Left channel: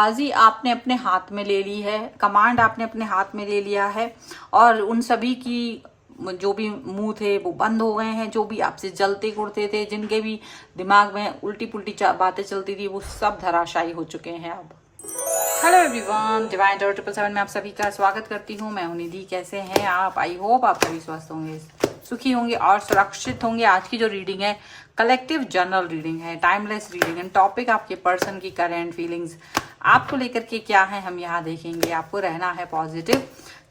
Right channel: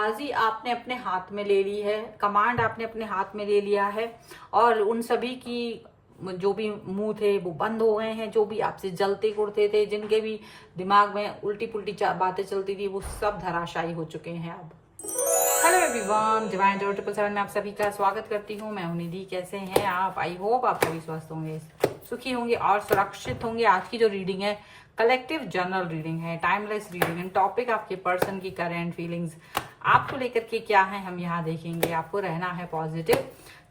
बाजी आपने अपने हाथ में ले ली है, कमांड आपने अपने हाथ में ले लिया है और उन सभी की जो भी मुंह थे वो बंद हो गए हैं। जो भी आपसे जलते कुड़ते थे, जिनके भी दिमाग में उल्टी पुल्टी बातें चलती थी, वो सब धराशायी हो चुके हैं अब। हेलो एवरीवन, डिवाइन टैरो 777 में आप सभी का स्वागत करती हूँ। मैं हूं निधि। कैसे हैं आप? आई होप आप सभी स्वस्थ होंगे, सुखी होंगे और सुरक्षित होंगे। आज की जो रीडिंग है कलेक्टिव जनरल रीडिंग है, टाइमलेस रीडिंग है। टॉपिक आपके पर्सन की करंट फीलिंग्स आपको लेकर के क्या है हम यहाँ देखेंगे। आपको रहना है पॉजिटिव,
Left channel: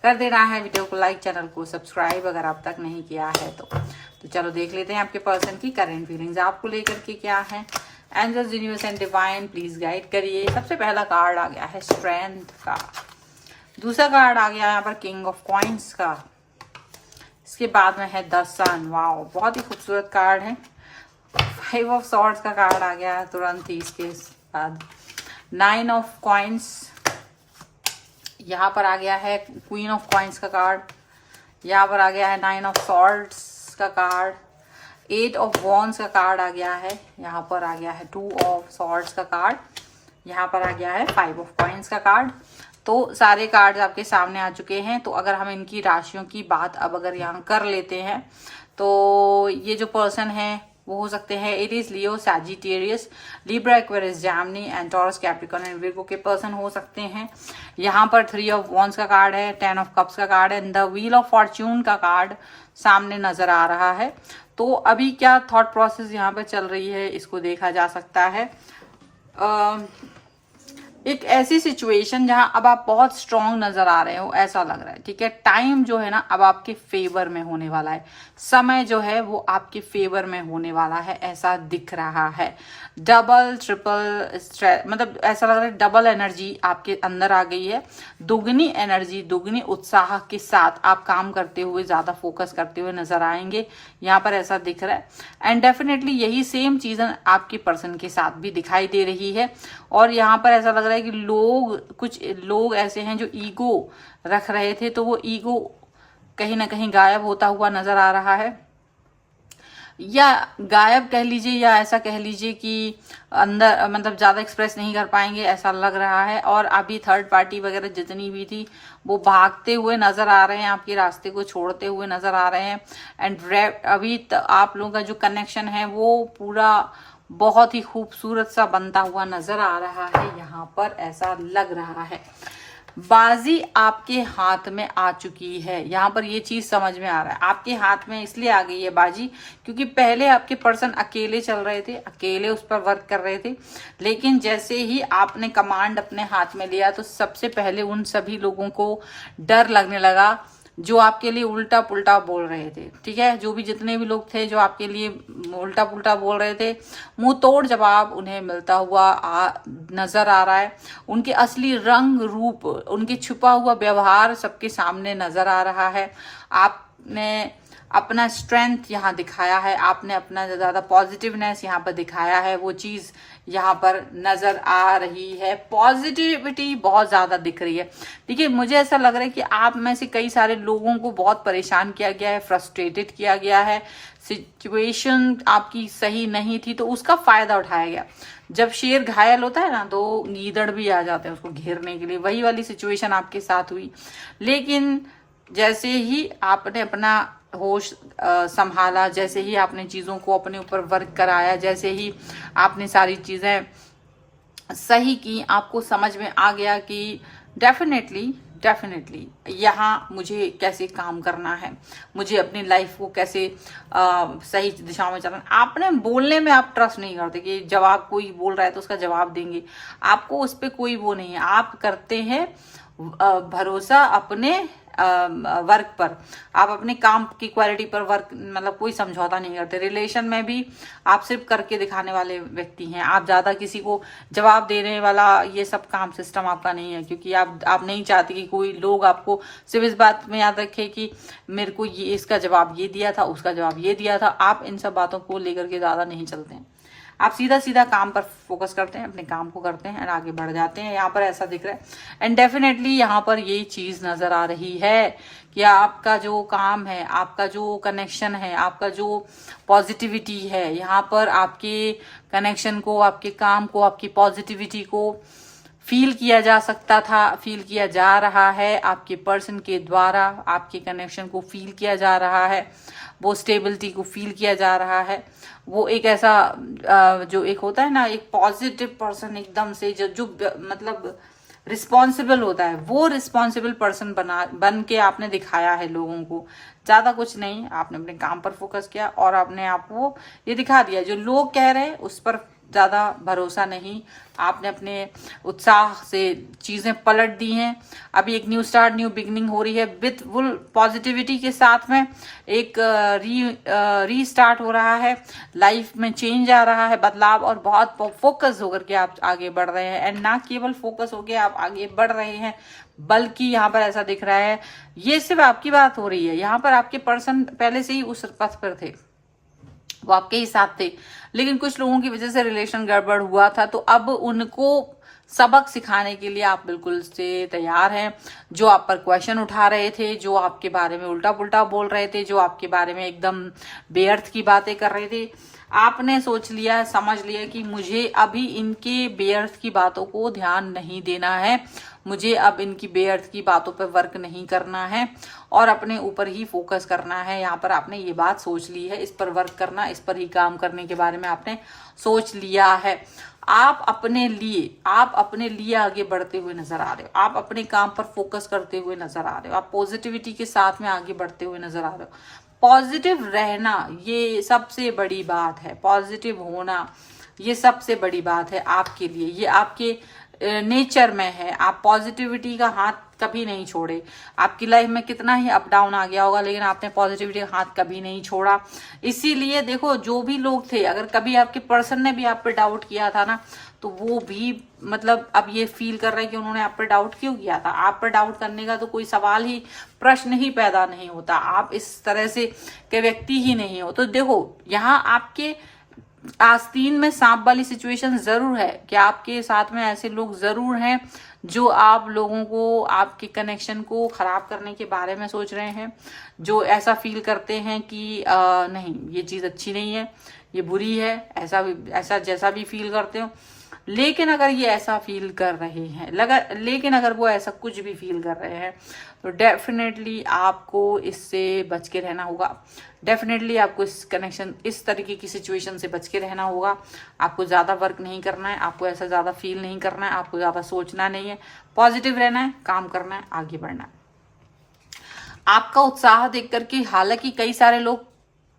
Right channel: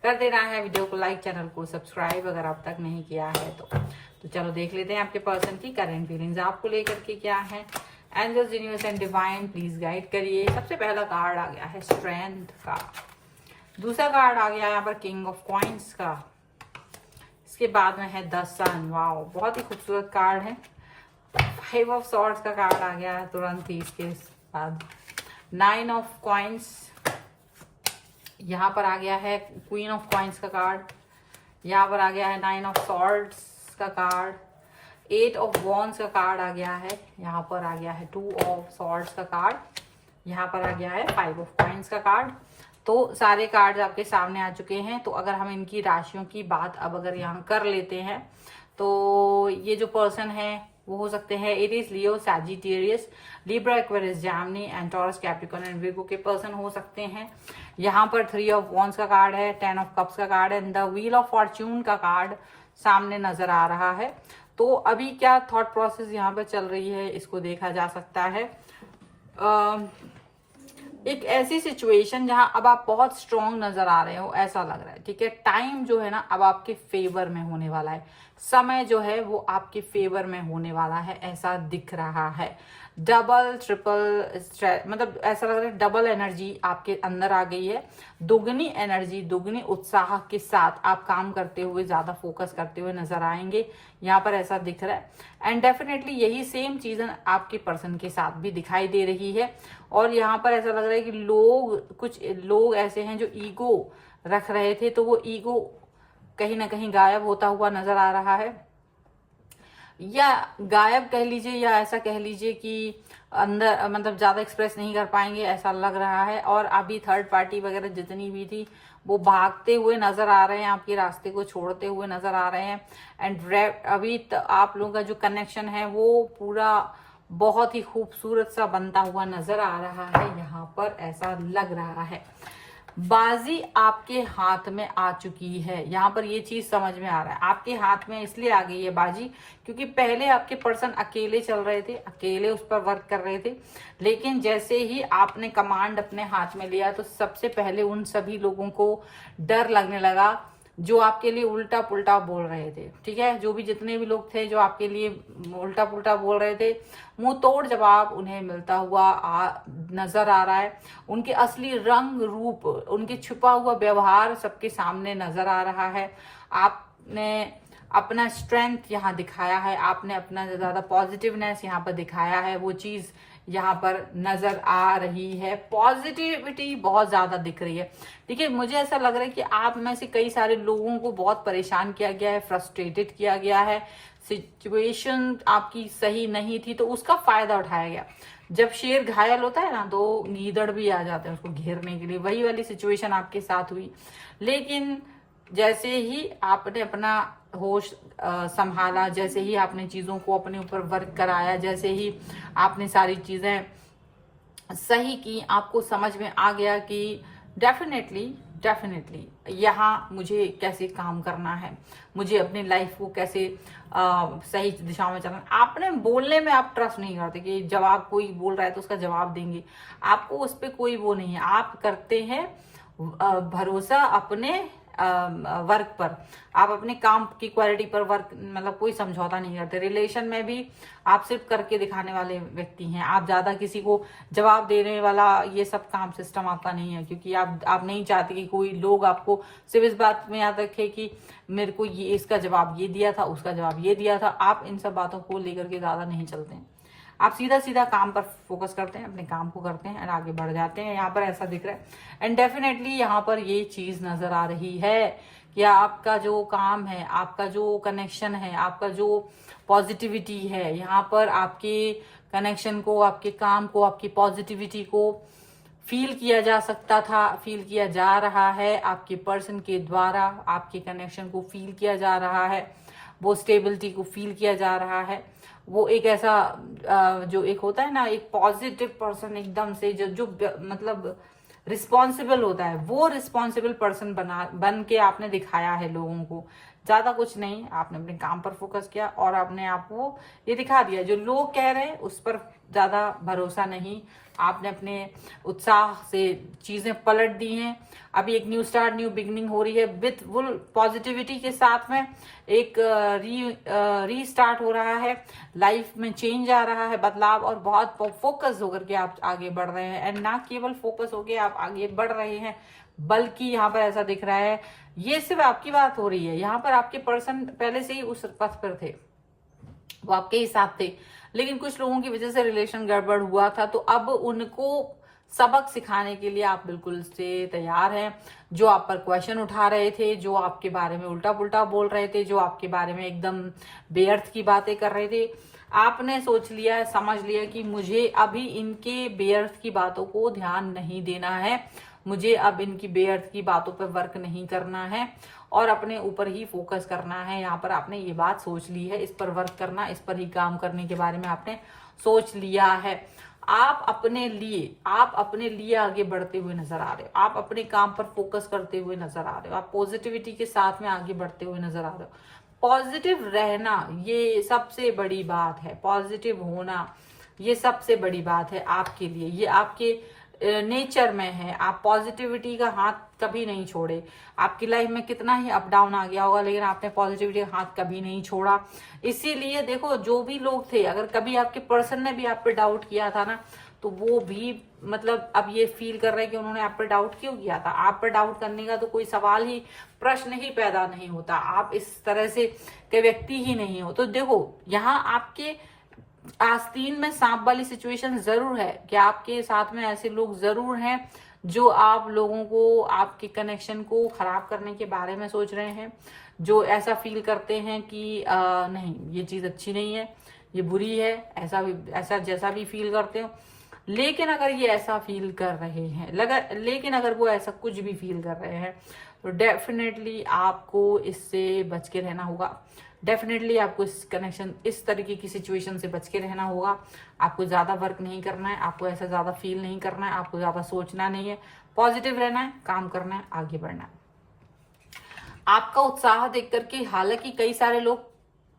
कर देना है वीडियो को लाइक, चैनल को सब्सक्राइब अगर आप तक नहीं किया है तो चलो देख लेते हैं आपके पर्सन की करंट फीलिंग्स आपको लेकर के क्या है। Angels, universe and divine please guide करिए। सबसे पहला कार्ड आ गया है स्ट्रेंथ का, दूसरा कार्ड आ गया यहाँ पर किंग ऑफ कॉइंस का, इसके बाद में है द सन। वाओ, बहुत ही खूबसूरत कार्ड है। 5 ऑफ सॉर्ड्स का कार्ड आ गया है तुरंत ही इसके बाद। 9 ऑफ कॉइंस, यहाँ पर आ गया है क्वीन ऑफ कॉइंस का कार्ड, यहाँ पर आ गया है 9 ऑफ सॉर्ड्स का कार्ड। 8 ऑफ वॉन्ड्स का कार्ड आ गया है, यहाँ पर आ गया है 2 ऑफ सॉर्ड्स का कार्ड, यहाँ पर आ गया है 5 ऑफ कॉइंस का कार्ड। तो सारे कार्ड्स आपके सामने आ चुके हैं। तो अगर हम इनकी राशियों की बात अब अगर यहाँ कर लेते हैं तो ये जो पर्सन है वो हो सकते हैं Aries, Leo, Sagittarius, Libra, Aquarius, Gemini and taurus, Capricorn and Virgo के पर्सन हो सकते हैं। यहाँ पर 3 ऑफ वॉन्ड्स का कार्ड है, 10 ऑफ कप्स का कार्ड है, द व्हील ऑफ फॉर्च्यून का कार्ड सामने नजर आ रहा है। तो अभी क्या थॉट प्रोसेस यहाँ पे चल रही है इसको देखा जा सकता है। एक ऐसी सिचुएशन जहां अब आप बहुत स्ट्रांग नजर आ रहे हो, ऐसा लग रहा है। ठीक है, टाइम जो है ना अब आपके फेवर में होने वाला है, समय जो है वो आपके फेवर में होने वाला है, ऐसा दिख रहा है। डबल ट्रिपल मतलब ऐसा लग रहा है डबल एनर्जी आपके अंदर आ गई है। दुगनी एनर्जी, दुगनी उत्साह के साथ आप काम करते हुए, ज्यादा फोकस करते हुए नजर आएंगे, यहाँ पर ऐसा दिख रहा है। एंड डेफिनेटली यही सेम चीज आपके पर्सन के साथ भी दिखाई दे रही है। और यहाँ पर ऐसा लग रहा है कि कुछ लोग ऐसे हैं जो ईगो रख रहे थे, तो वो ईगो कहीं ना कहीं गायब होता हुआ नजर आ रहा है, या गायब कह लीजिए, या ऐसा कह लीजिए कि अंदर मतलब ज्यादा एक्सप्रेस नहीं कर पाएंगे, ऐसा लग रहा है। और अभी थर्ड पार्टी वगैरह जितनी भी थी वो भागते हुए नजर आ रहे हैं, आपके रास्ते को छोड़ते हुए नजर आ रहे हैं। एंड अभी आप लोगों का जो कनेक्शन है वो पूरा बहुत ही खूबसूरत सा बनता हुआ नजर आ रहा है, यहाँ पर ऐसा लग रहा है। बाजी आपके हाथ में आ चुकी है, यहाँ पर ये चीज समझ में आ रहा है। आपके हाथ में इसलिए आ गई है बाजी क्योंकि पहले आपके पर्सन अकेले चल रहे थे, अकेले उस पर वर्क कर रहे थे। लेकिन जैसे ही आपने कमांड अपने हाथ में लिया तो सबसे पहले उन सभी लोगों को डर लगने लगा जो आपके लिए उल्टा पुल्टा बोल रहे थे। ठीक है, जो भी जितने भी लोग थे जो आपके लिए उल्टा पुल्टा बोल रहे थे, मुंह तोड़ जवाब उन्हें मिलता हुआ नजर आ रहा है। उनके असली रंग रूप, उनके छुपा हुआ व्यवहार सबके सामने नजर आ रहा है। आपने अपना स्ट्रेंथ यहाँ दिखाया है, आपने अपना ज्यादा पॉजिटिवनेस यहाँ पर दिखाया है, वो चीज यहाँ पर नजर आ रही है। पॉजिटिविटी बहुत ज्यादा दिख रही है। देखिए, मुझे ऐसा लग रहा है कि आप में से कई सारे लोगों को बहुत परेशान किया गया है, फ्रस्ट्रेटेड किया गया है, सिचुएशन आपकी सही नहीं थी तो उसका फायदा उठाया गया। जब शेर घायल होता है ना तो गीदड़ भी आ जाते हैं उसको घेरने के लिए, वही वाली सिचुएशन आपके साथ हुई। लेकिन जैसे ही आपने अपना होश संभाला, जैसे ही आपने चीजों को अपने ऊपर वर्क कराया, जैसे ही आपने सारी चीजें सही की, आपको समझ में आ गया कि डेफिनेटली यहाँ मुझे कैसे काम करना है, मुझे अपनी लाइफ को कैसे सही दिशा में चलना है। आपने बोलने में आप ट्रस्ट नहीं करते कि जवाब कोई बोल रहा है तो उसका जवाब देंगे, आपको उस पर कोई वो नहीं है। आप करते हैं भरोसा अपने वर्क पर, आप अपने काम की क्वालिटी पर वर्क, मतलब कोई समझौता नहीं करते। रिलेशन में भी आप सिर्फ करके दिखाने वाले व्यक्ति हैं, आप ज्यादा किसी को जवाब देने वाला ये सब काम सिस्टम आपका नहीं है, क्योंकि आप नहीं चाहते कि कोई लोग आपको सिर्फ इस बात में याद रखे कि मेरे को ये इसका जवाब ये दिया था, उसका जवाब ये दिया था। आप इन सब बातों को लेकर के ज्यादा नहीं चलते हैं, आप सीधा सीधा काम पर फोकस करते हैं, अपने काम को करते हैं और आगे बढ़ जाते हैं। यहाँ पर ऐसा दिख रहा है। एंड डेफिनेटली यहाँ पर ये चीज नजर आ रही है कि आपका जो काम है, आपका जो कनेक्शन है, आपका जो पॉजिटिविटी है, यहाँ पर आपके कनेक्शन को, आपके काम को, आपकी पॉजिटिविटी को फील किया जा सकता था, फील किया जा रहा है, आपके पर्सन के द्वारा आपके कनेक्शन को फील किया जा रहा है, वो स्टेबिलिटी को फील किया जा रहा है। वो एक ऐसा जो एक होता है ना, एक पॉजिटिव पर्सन एकदम से जो मतलब रिस्पॉन्सिबल होता है, वो रिस्पॉन्सिबल पर्सन बन के आपने दिखाया है लोगों को। ज्यादा कुछ नहीं, आपने अपने काम पर फोकस किया और आपने आपको ये दिखा दिया। जो लोग कह रहे हैं उस पर ज्यादा भरोसा नहीं, आपने अपने उत्साह से चीजें पलट दी हैं। अभी एक न्यू स्टार्ट, न्यू बिगनिंग हो रही है विथ फुल पॉजिटिविटी के साथ में। एक रीस्टार्ट हो रहा है, लाइफ में चेंज आ रहा है, बदलाव, और बहुत फोकस होकर के आप आगे बढ़ रहे हैं। एंड ना केवल फोकस होकर आप आगे बढ़ रहे हैं, बल्कि यहाँ पर ऐसा दिख रहा है, ये सिर्फ आपकी बात हो रही है, यहाँ पर आपके पर्सन पहले से ही उस पथ पर थे, वो आपके ही साथ थे, लेकिन कुछ लोगों की वजह से रिलेशन गड़बड़ हुआ था। तो अब उनको सबक सिखाने के लिए आप बिल्कुल से तैयार हैं। जो आप पर क्वेश्चन उठा रहे थे, जो आपके बारे में उल्टा पुल्टा बोल रहे थे, जो आपके बारे में एकदम बेअर्थ की बातें कर रहे थे, आपने सोच लिया, समझ लिया कि मुझे अभी इनके बेअर्थ की बातों को ध्यान नहीं देना है, मुझे अब इनकी बेअर्थ की बातों पर वर्क नहीं करना है और अपने ऊपर ही फोकस करना है। यहाँ पर आपने ये बात सोच ली है, इस पर वर्क करना, इस पर ही काम करने के बारे में आपने सोच लिया है। आप अपने लिए आगे बढ़ते हुए नजर आ रहे हो, आप अपने काम पर फोकस करते हुए नजर आ रहे हो, आप पॉजिटिविटी के साथ में आगे बढ़ते हुए नजर आ रहे हो। पॉजिटिव रहना ये सबसे बड़ी बात है, पॉजिटिव होना ये सबसे बड़ी बात है आपके लिए, ये आपके नेचर में है। आप पॉजिटिविटी का हाथ कभी नहीं छोड़े। आपकी लाइफ में कितना ही अप डाउन आ गया होगा, लेकिन आपने पॉजिटिविटी का हाथ कभी नहीं छोड़ा। इसीलिए देखो, जो भी लोग थे, अगर कभी आपके पर्सन ने भी आप पे डाउट किया था ना, तो वो भी मतलब अब ये फील कर रहे हैं कि उन्होंने आप पे डाउट क्यों किया था। आप पे डाउट करने का तो कोई सवाल ही, प्रश्न ही पैदा नहीं होता, आप इस तरह से के व्यक्ति ही नहीं हो। तो देखो, यहाँ आपके आस्तीन में सांप वाली सिचुएशन जरूर है कि आपके साथ में ऐसे लोग जरूर हैं जो आप लोगों को, आपके कनेक्शन को खराब करने के बारे में सोच रहे हैं, जो ऐसा फील करते हैं कि नहीं, ये चीज अच्छी नहीं है, ये बुरी है, ऐसा जैसा भी फील करते हो। लेकिन अगर ये ऐसा फील कर रहे हैं, लेकिन अगर वो ऐसा कुछ भी फील कर रहे हैं, तो डेफिनेटली आपको इससे बच के रहना होगा। डेफिनेटली आपको इस कनेक्शन, इस तरीके की सिचुएशन से बच के रहना होगा। आपको ज्यादा वर्क नहीं करना है, आपको ऐसा ज्यादा फील नहीं करना है, आपको ज्यादा सोचना नहीं है, पॉजिटिव रहना है, काम करना है, आगे बढ़ना है। आपका उत्साह देख करके हालांकि कई सारे लोग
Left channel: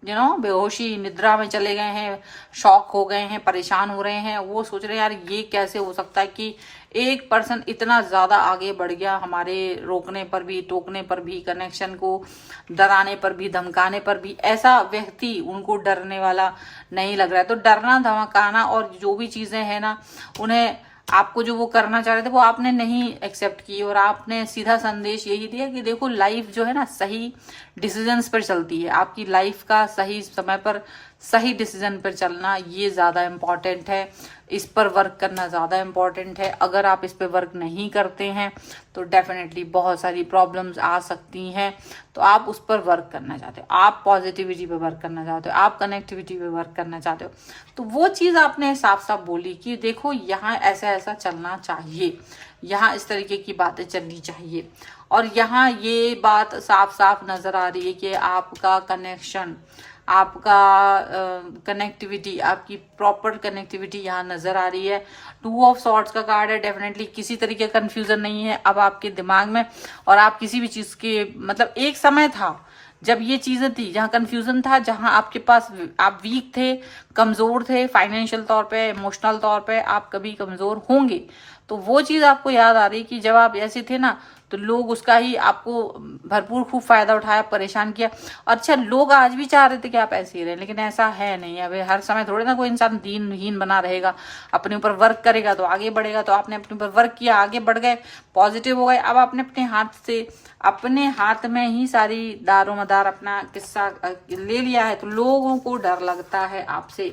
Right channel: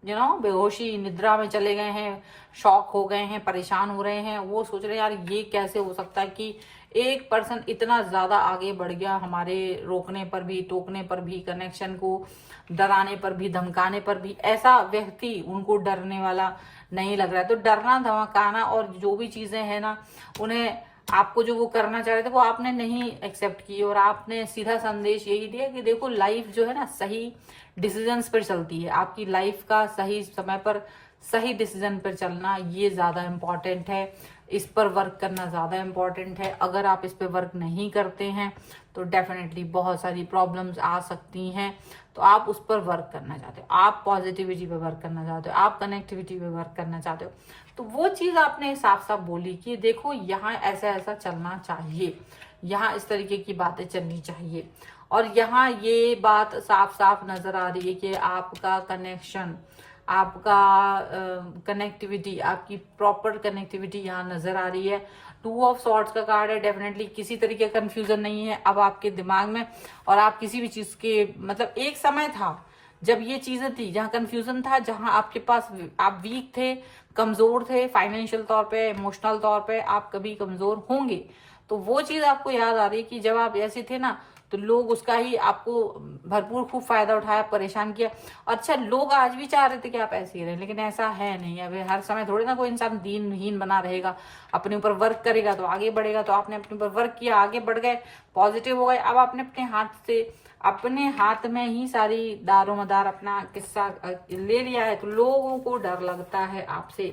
बेहोशी निद्रा में चले गए हैं, शॉक हो गए हैं, परेशान हो रहे हैं, वो सोच रहे हैं यार ये कैसे हो सकता है कि एक पर्सन इतना ज्यादा आगे बढ़ गया, हमारे रोकने पर भी, टोकने पर भी, कनेक्शन को डराने पर भी, धमकाने पर भी, ऐसा व्यक्ति उनको डरने वाला नहीं लग रहा है। तो डरना, धमकाना और जो भी चीजें हैं ना, उन्हें आपको जो वो करना चाह रहे थे वो आपने नहीं एक्सेप्ट की, और आपने सीधा संदेश यही दिया कि देखो, लाइफ जो है ना सही डिसीजंस पर चलती है। आपकी लाइफ का सही समय पर सही डिसीजन पर चलना ये ज्यादा इम्पोर्टेंट है, इस पर वर्क करना ज्यादा इम्पोर्टेंट है। अगर आप इस पर वर्क नहीं करते हैं तो डेफिनेटली बहुत सारी प्रॉब्लम्स आ सकती हैं। तो आप उस पर वर्क करना चाहते हो, आप पॉजिटिविटी पे वर्क करना चाहते हो, आप कनेक्टिविटी पे वर्क करना चाहते हो, तो वो चीज आपने साफ साफ बोली कि देखो यहाँ ऐसा ऐसा चलना चाहिए, यहाँ इस तरीके की बातें चलनी चाहिए। और यहाँ ये बात साफ साफ नजर आ रही है कि आपका कनेक्शन, आपका कनेक्टिविटी, आपकी प्रॉपर कनेक्टिविटी यहाँ नजर आ रही है। 2 ऑफ सॉर्ड्स का कार्ड है। डेफिनेटली किसी तरीके का कंफ्यूजन नहीं है अब आपके दिमाग में, और आप किसी भी चीज के, मतलब एक समय था जब ये चीजें थी जहाँ कंफ्यूजन था, जहाँ आपके पास आप वीक थे, कमजोर थे, फाइनेंशियल तौर पे, इमोशनल तौर पे आप कभी कमजोर होंगे। तो वो चीज आपको याद आ रही कि जब आप ऐसे थे ना, तो लोग उसका ही आपको भरपूर खूब फायदा उठाया, परेशान किया। अच्छा, लोग आज भी चाह रहे थे कि आप ऐसे ही रहें, लेकिन ऐसा है नहीं। अब हर समय थोड़े ना कोई इंसान दीनहीन बना रहेगा, अपने ऊपर वर्क करेगा तो आगे बढ़ेगा। तो आपने अपने ऊपर वर्क किया, आगे बढ़ गए, पॉजिटिव हो गए। अब आपने अपने हाथ में ही सारी दारो मदार अपना किस्सा ले लिया है, तो लोगों को डर लगता है आपसे।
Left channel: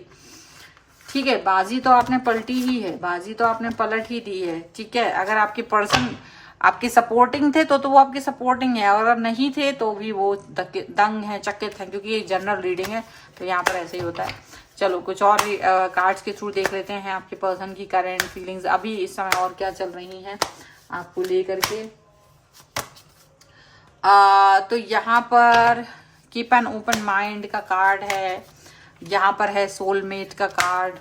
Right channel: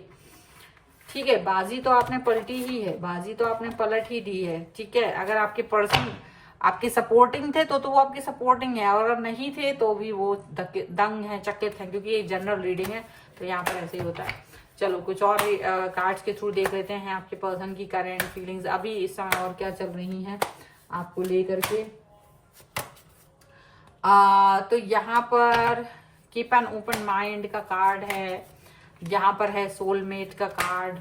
ठीक है, बाजी तो आपने पलटी ही है, बाजी तो आपने पलट ही दी है। ठीक है, अगर आपके पर्सन आपके सपोर्टिंग थे तो वो आपके सपोर्टिंग है, और अगर नहीं थे तो भी वो दंग है, चकित है, क्योंकि ये जनरल रीडिंग है तो यहाँ पर ऐसे ही होता है। चलो कुछ और कार्ड्स के थ्रू देख लेते हैं आपके पर्सन की करंट फीलिंग्स अभी इस समय और क्या चल रही हैं आपको लेकर के। तो यहाँ पर कीप एन ओपन माइंड का कार्ड है, यहाँ पर है सोलमेट का कार्ड,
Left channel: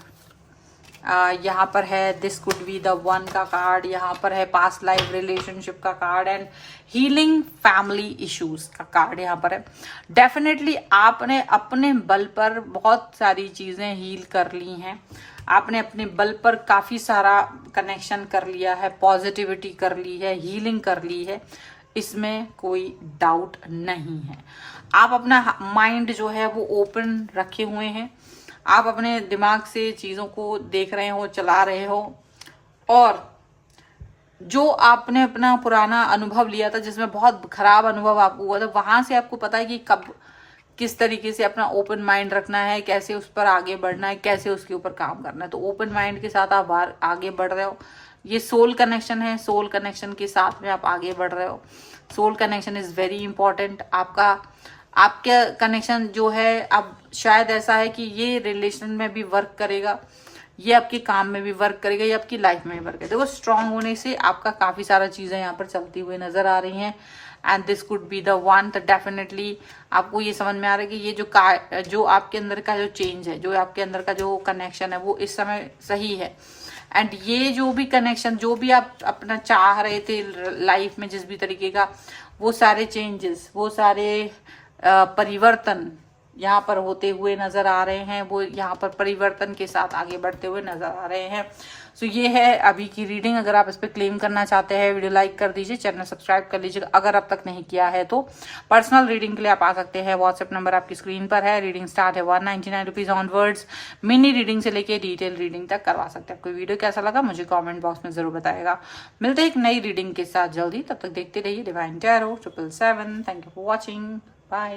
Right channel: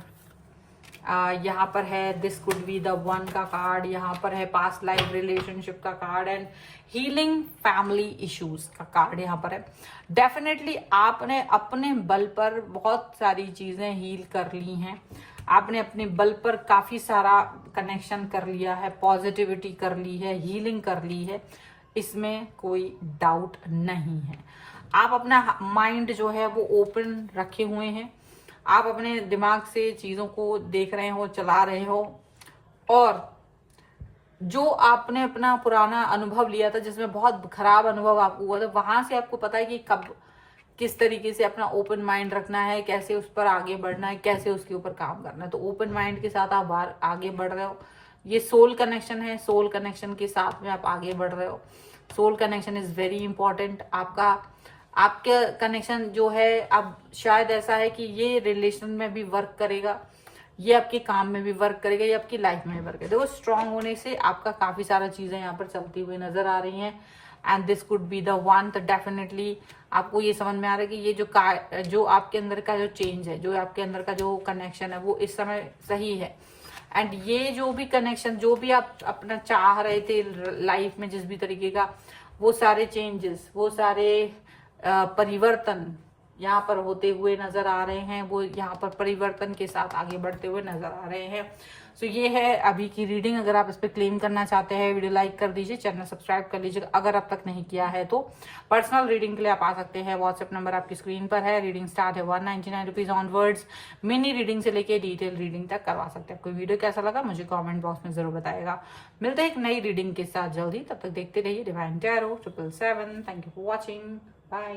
यहाँ पर है this could be the one का कार्ड, यहाँ पर है पास्ट लाइफ रिलेशनशिप का card and healing family issues का कार्ड यहाँ पर है। डेफिनेटली आपने अपने बल पर बहुत सारी चीजें हील कर ली हैं, आपने अपने बल पर काफी सारा कनेक्शन कर लिया है, पॉजिटिविटी कर ली है, हीलिंग कर ली है, इसमें कोई डाउट नहीं है। आप अपना माइंड जो है वो ओपन रखे हुए हैं, आप अपने दिमाग से चीजों को देख रहे हो, चला रहे हो, और जो आपने अपना पुराना अनुभव लिया था जिसमें बहुत खराब अनुभव आपको हुआ था, वहां से आपको पता है कि कब किस तरीके से अपना ओपन माइंड रखना है, कैसे उस पर आगे बढ़ना है, कैसे उसके ऊपर काम करना है। तो ओपन माइंड के साथ आप बाहर आगे बढ़ रहे हो। ये सोल कनेक्शन है, सोल कनेक्शन के साथ में आप आगे बढ़ रहे हो। Soul connection is very important. आपका कनेक्शन जो है अब शायद ऐसा है कि ये रिलेशन में भी वर्क करेगा, ये आपके काम में भी वर्क करेगा, ये आपकी लाइफ में भी वर्क करेगा। देखो स्ट्रांग होने से आपका काफी सारा चीजें यहाँ पर चलती हुई नजर आ रही हैं and this could be the one. तो डेफिनेटली आपको ये समझ में आ रहा है कि ये जो आपके अंदर का जो चेंज है, जो आपके अंदर का जो कनेक्शन है वो इस समय सही है। एंड ये जो भी कनेक्शन, जो भी आप अपना चाह रहे थे लाइफ में जिस भी तरीके का, वो सारे चेंजेस, वो सारे परिवर्तन यहाँ पर होते हुए नजर आ रहे हैं, वो यहाँ पर परिवर्तन के साथ आगे बढ़ते हुए नजर आ रहे हैं। सो ये है अभी की रीडिंग। अगर आप इस पर क्लेम करना चाहते हैं, वीडियो लाइक कर दीजिए, चैनल सब्सक्राइब कर लीजिए अगर अब तक नहीं किया है तो। पर्सनल रीडिंग के लिए आप आ सकते हैं, व्हाट्सएप नंबर आपकी स्क्रीन पर है। रीडिंग स्टार्ट है 199 रुपीज ऑनवर्ड्स। मिनी रीडिंग से लेके डिटेल रीडिंग तक करवा सकते हैं। आपको वीडियो कैसा लगा मुझे कॉमेंट बॉक्स में जरूर बताएगा। मिलते हैं एक नई रीडिंग के साथ जल्दी, तब तक देखते रहिए Divine Tarot 777। Thank you for watching, bye.